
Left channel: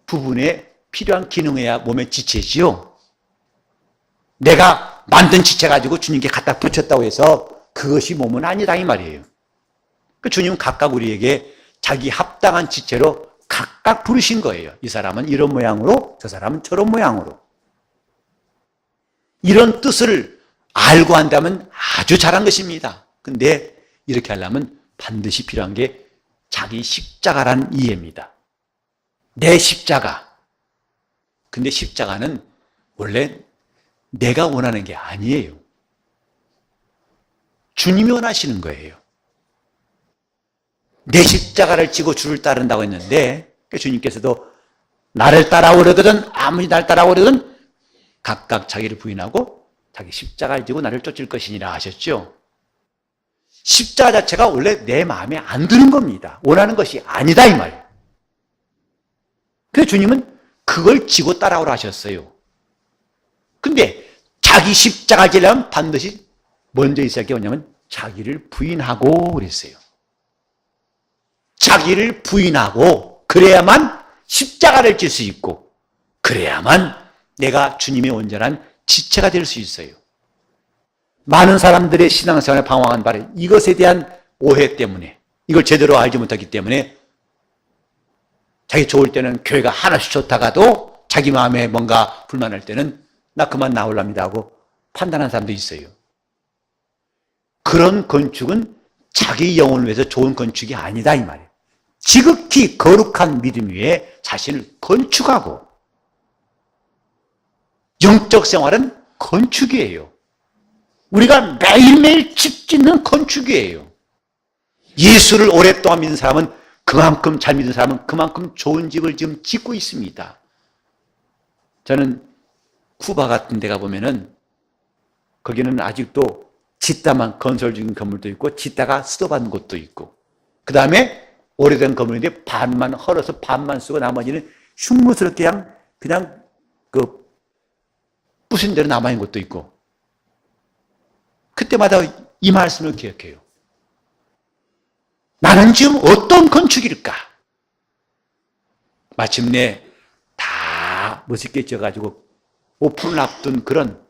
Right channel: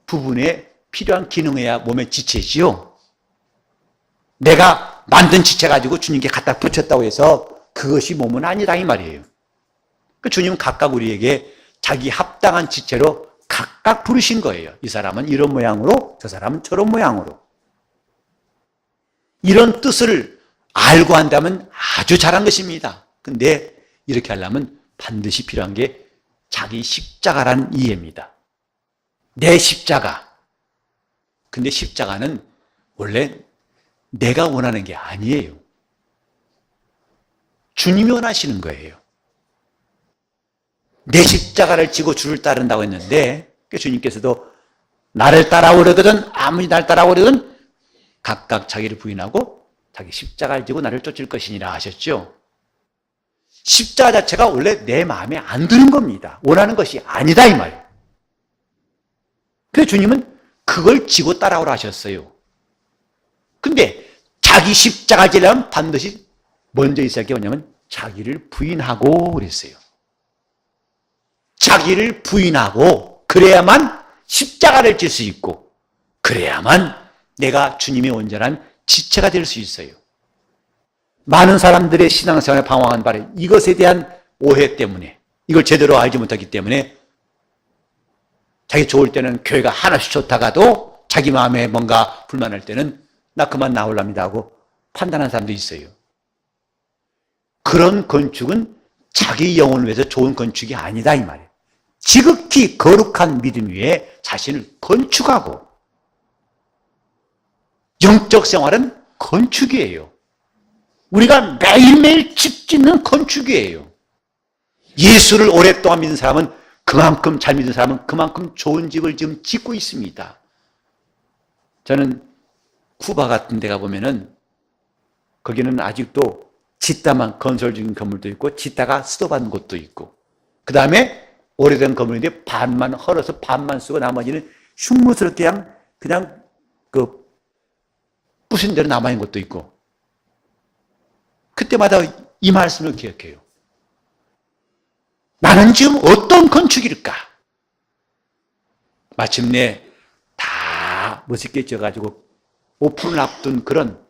부분에 필요한 기능해야 몸의 지체지요. 내가 만든 지체 가지고 주님께 갖다 붙였다고 해서 그것이 몸은 아니다 이 말이에요. 주님은 각각 우리에게 자기 합당한 지체로 각각 부르신 거예요. 이 사람은 이런 모양으로, 저 사람은 저런 모양으로. 이런 뜻을 알고 한다면 아주 잘한 것입니다. 근데 이렇게 하려면 반드시 필요한 게 자기 십자가란 이해입니다. 내 십자가. 근데 십자가는 원래 내가 원하는 게 아니에요. 주님이 원하시는 거예요. 내 십자가를 지고 주를 따른다고 했는데 주님께서도 나를 따라오려거든 아무리 나를 따라오려거든 각각 자기를 부인하고 자기 십자가를 지고 나를 쫓을 것이니라 하셨죠. 십자가 자체가 원래 내 마음에 안 드는 겁니다. 원하는 것이 아니다 이 말이에요. 그래서 주님은 그걸 지고 따라오라 하셨어요. 근데 자기 십자가 지려면 반드시 먼저 있어야 할 게 뭐냐면 자기를 부인하고 그랬어요. 자기를 부인하고 그래야만 십자가를 질 수 있고 그래야만 내가 주님의 온전한 지체가 될 수 있어요. 많은 사람들의 신앙생활을 방황한 바로 이것에 대한 오해 때문에 이걸 제대로 알지 못하기 때문에 자기 좋을 때는 교회가 하나씩 좋다가도 자기 마음에 뭔가 불만할 때는 나 그만 나오랍니다 하고 판단하는 사람도 있어요. 그런 건축은 자기 영혼을 위해서 좋은 건축이 아니다 이 말이에요. 지극히 거룩한 믿음 위에 자신을 건축하고 영적 생활은 건축이에요. 우리가 매일매일 집 짓는 건축이에요. 예수를 오랫동안 믿는 사람은 그만큼 잘 믿는 사람은 그만큼 좋은 집을 지금 짓고 있습니다. 저는 쿠바 같은 데 가보면은 거기는 아직도 짓다만 건설 중인 건물도 있고 짓다가 쓰러받는 곳도 있고 그 다음에 오래된 건물인데 반만 헐어서 반만 쓰고 나머지는 흉물스럽게 그냥 부순 대로 남아있는 곳도 있고 그때마다 이 말씀을 기억해요. 나는 지금 어떤 건축일까? 마침내 다 멋있게 지어가지고 오픈을 앞둔 그런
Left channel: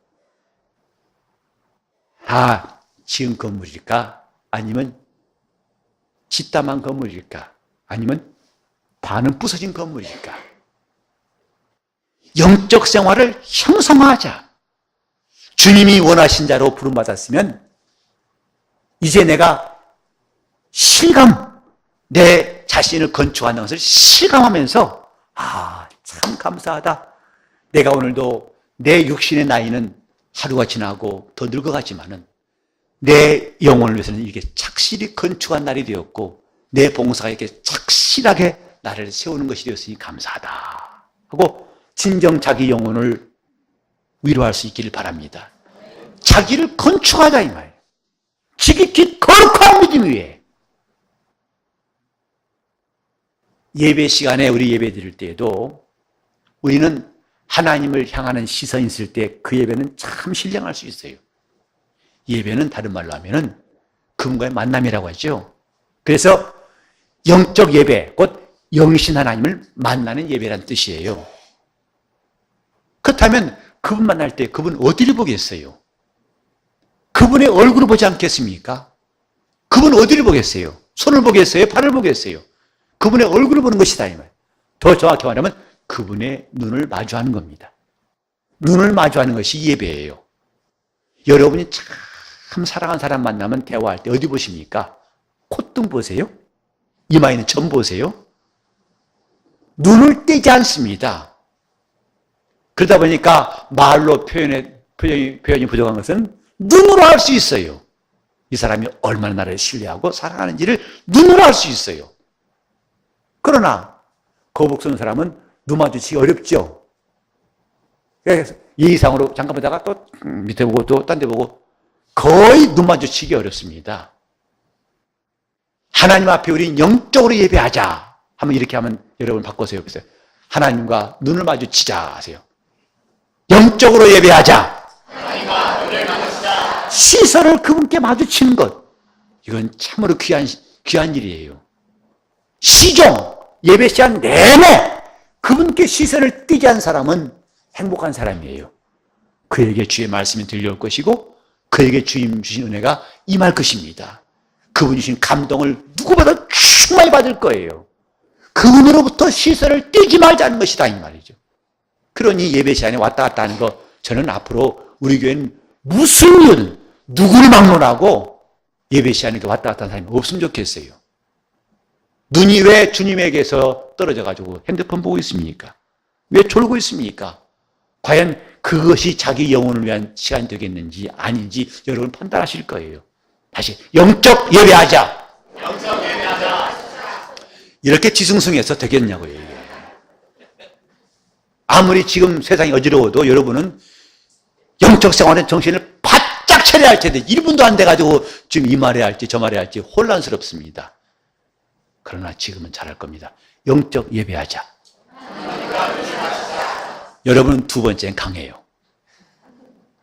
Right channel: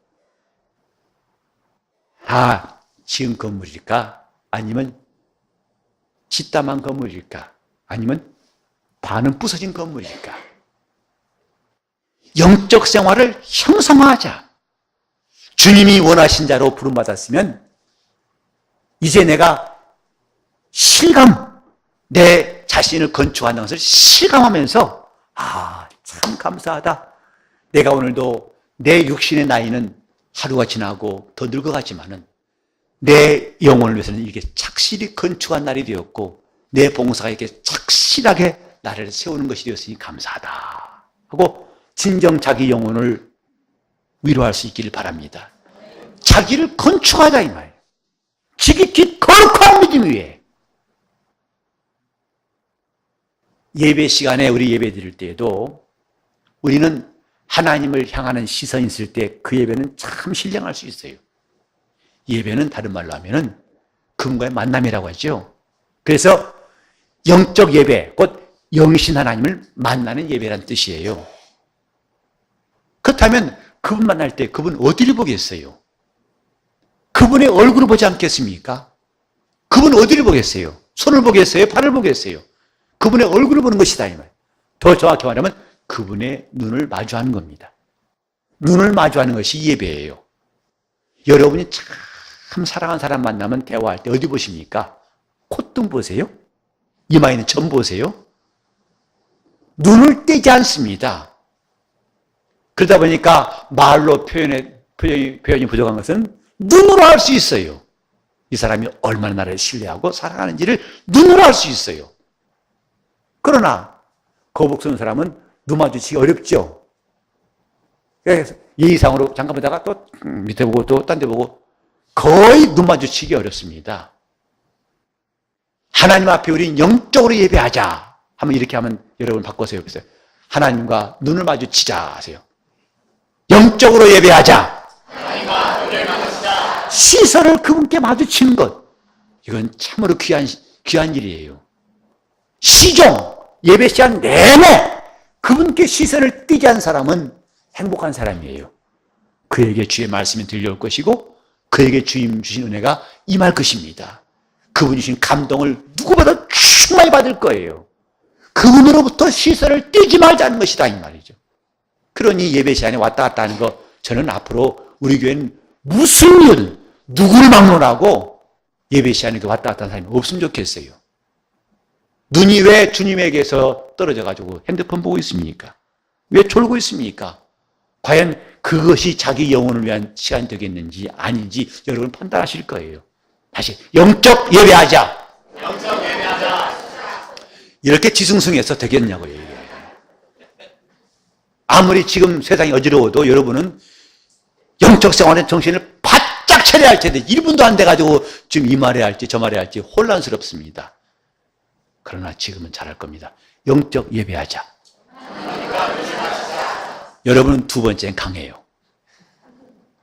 지은 건물일까? 아니면 짓다만 건물일까? 아니면 반은 부서진 건물일까? 영적 생활을 형성하자. 주님이 원하신 자로 부름받았으면 이제 내가 내 자신을 건축하는 것을 실감하면서 참 감사하다. 내가 오늘도 내 육신의 나이는 하루가 지나고 더 늙어가지만은 내 영혼을 위해서는 이게 착실히 건축한 날이 되었고 내 봉사가 이렇게 착실하게 나를 세우는 것이 되었으니 감사하다 하고 진정 자기 영혼을 위로할 수 있기를 바랍니다. 자기를 건축하자 이 말이에요. 지극히 거룩한 믿음 위에. 예배 시간에 우리 예배 드릴 때에도 우리는 하나님을 향하는 시선이 있을 때 그 예배는 참 신령할 수 있어요. 예배는 다른 말로 하면은 그분과의 만남이라고 하죠. 그래서 영적 예배, 곧 영신 하나님을 만나는 예배라는 뜻이에요. 그렇다면 그분 만날 때 그분 어디를 보겠어요? 그분의 얼굴을 보지 않겠습니까? 그분 어디를 보겠어요? 손을 보겠어요? 발을 보겠어요? 그분의 얼굴을 보는 것이다 이 말. 더 정확히 말하면 그분의 눈을 마주하는 겁니다. 눈을 마주하는 것이 예배예요. 여러분이 참 사랑하는 사람 만나면 대화할 때 어디 보십니까? 콧등 보세요? 이마에 있는 점 보세요? 눈을 떼지 않습니다. 그러다 보니까 말로 표현이 부족한 것은 눈으로 알 수 있어요. 이 사람이 얼마나 나를 신뢰하고 사랑하는지를 눈으로 알 수 있어요. 그러나 거북선 사람은 눈 마주치기 어렵죠. 그래서 이 이상으로 잠깐 보다가 또 밑에 보고 또 딴 데 보고 거의 눈 마주치기 어렵습니다. 하나님 앞에 우리 영적으로 예배하자 하면 이렇게 하면 여러분 바꿔서 해보세요. 하나님과 눈을 마주치자 하세요. 영적으로 예배하자. 시선을 그분께 마주치는 것, 이건 참으로 귀한 일이에요. 시종 예배 시간 내내 그분께 시선을 띄게 한 사람은 행복한 사람이에요. 그에게 주의 말씀이 들려올 것이고 그에게 주님 주신 은혜가 임할 것입니다. 그분이 주신 감동을 누구보다 충만히 받을 거예요. 그분으로부터 시선을 띄지 말자는 것이다 이 말이죠. 그러니 예배 시간에 왔다 갔다 하는 거, 저는 앞으로 우리 교회는 무슨 일, 누구를 막론하고 예배 시간에 왔다 갔다 하는 사람이 없으면 좋겠어요. 눈이 왜 주님에게서 떨어져가지고 핸드폰 보고 있습니까? 왜 졸고 있습니까? 과연 그것이 자기 영혼을 위한 시간이 되겠는지 아닌지 여러분 판단하실 거예요. 다시 영적 예배하자. 이렇게 지승승해서 되겠냐고요. 이게. 아무리 지금 세상이 어지러워도 여러분은 영적 생활의 정신을 바짝 차려야 할 텐데 1분도 안 돼가지고 지금 이 말해야 할지 저 말해야 할지 혼란스럽습니다. 그러나 지금은 잘할 겁니다. 영적 예배하자. 여러분은 두 번째는 강해요.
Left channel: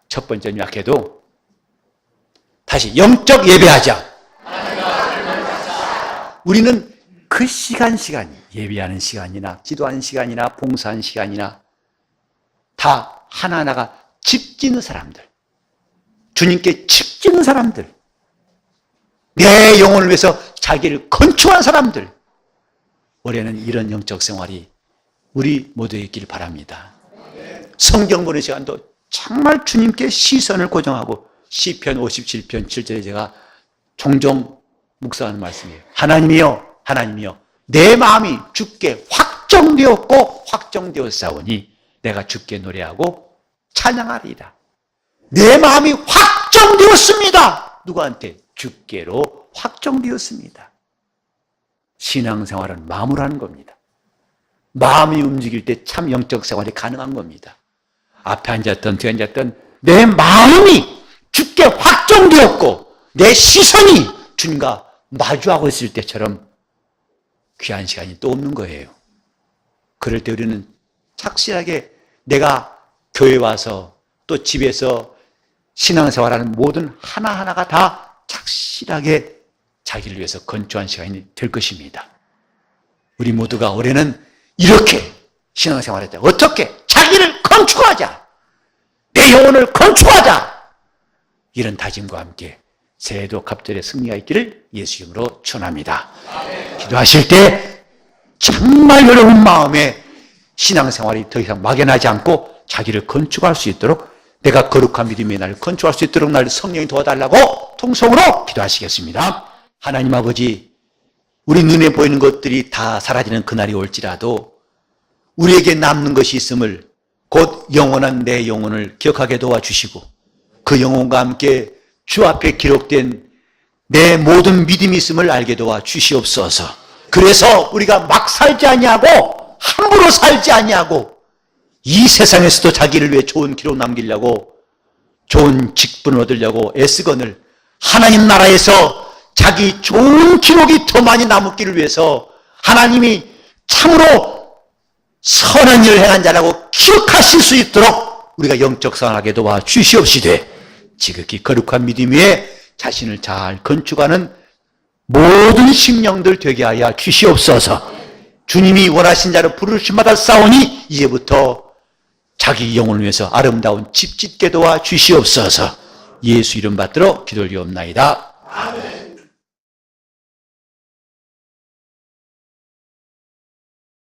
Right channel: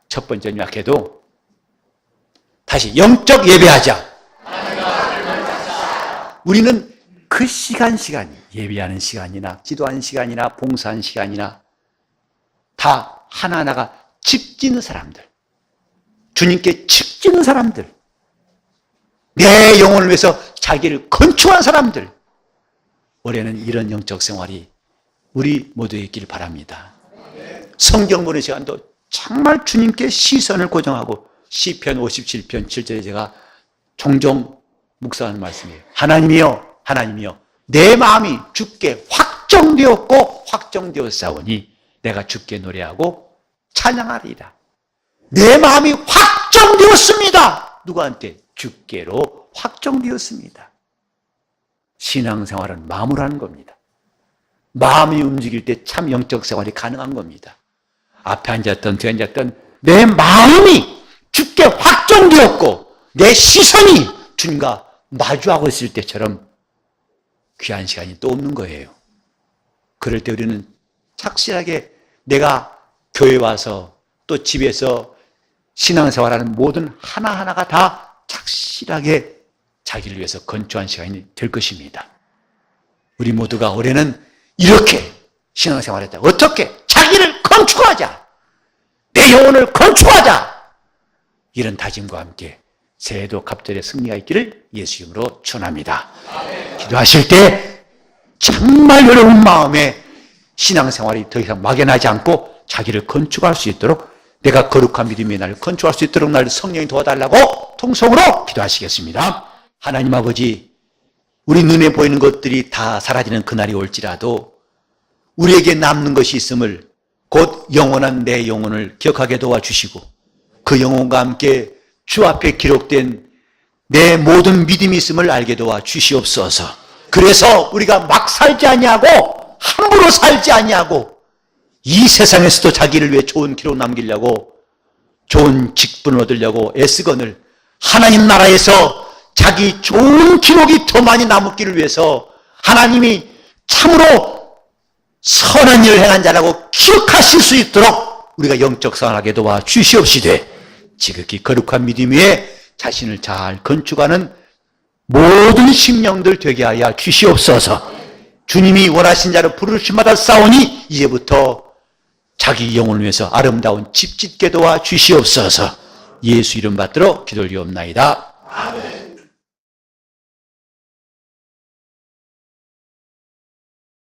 첫 번째는 약해도 다시 영적 예배하자. 우리는 그 시간이 예배하는 시간이나 기도하는 시간이나 봉사하는 시간이나 다 하나하나가 집짓는 사람들, 주님께 집짓는 사람들, 내 영혼을 위해서 자기를 건축한 사람들, 올해는 이런 영적 생활이 우리 모두에 있기를 바랍니다. 성경 보는 시간도 정말 주님께 시선을 고정하고 시편 57편 7절에 제가 종종 묵상하는 말씀이에요. 하나님이여 내 마음이 주께 확정되었고 확정되었사오니 내가 주께 노래하고 찬양하리이다. 내 마음이 확정되었습니다. 누구한테? 주께로 확정되었습니다. 신앙생활은 마음으로 하는 겁니다. 마음이 움직일 때 참 영적 생활이 가능한 겁니다. 앞에 앉았던 뒤에 앉았던 내 마음이 주께 확정되었고 내 시선이 주님과 마주하고 있을 때처럼 귀한 시간이 또 없는 거예요. 그럴 때 우리는 착실하게 내가 교회 와서 또 집에서 신앙생활하는 모든 하나하나가 다 착실하게 자기를 위해서 건축한 시간이 될 것입니다. 우리 모두가 올해는 이렇게 신앙생활할 때 어떻게 자기를 건축하자, 내 영혼을 건축하자, 이런 다짐과 함께 새해도 갑절의 승리가 있기를 예수 이름으로 축원합니다. 기도하실 때 정말 여러분 마음에 신앙생활이 더 이상 막연하지 않고 자기를 건축할 수 있도록, 내가 거룩한 믿음의 나를 건축할 수 있도록 나를 성령이 도와달라고 통성으로 기도하시겠습니다. 하나님 아버지, 우리 눈에 보이는 것들이 다 사라지는 그날이 올지라도 우리에게 남는 것이 있음을 곧 영원한 내 영혼을 기억하게 도와주시고 그 영혼과 함께 주 앞에 기록된 내 모든 믿음이 있음을 알게 도와주시옵소서. 그래서 우리가 막 살지 아니하고 함부로 살지 아니하고 이 세상에서도 자기를 위해 좋은 기록 남기려고 좋은 직분을 얻으려고 애쓰거늘 하나님 나라에서 자기 좋은 기록이 더 많이 남기를 위해서 하나님이 참으로 선한 일을 행한 자라고 기억하실 수 있도록 우리가 영적 상하게 도와주시옵시되 지극히 거룩한 믿음 위에 자신을 잘 건축하는 모든 심령들 되게 하여 주시옵소서. 주님이 원하신 자로 부르심마다 싸우니 이제부터 자기 영혼을 위해서 아름다운 집 짓게 도와주시옵소서. 예수 이름 받들어 기도를 드리옵나이다. 아멘.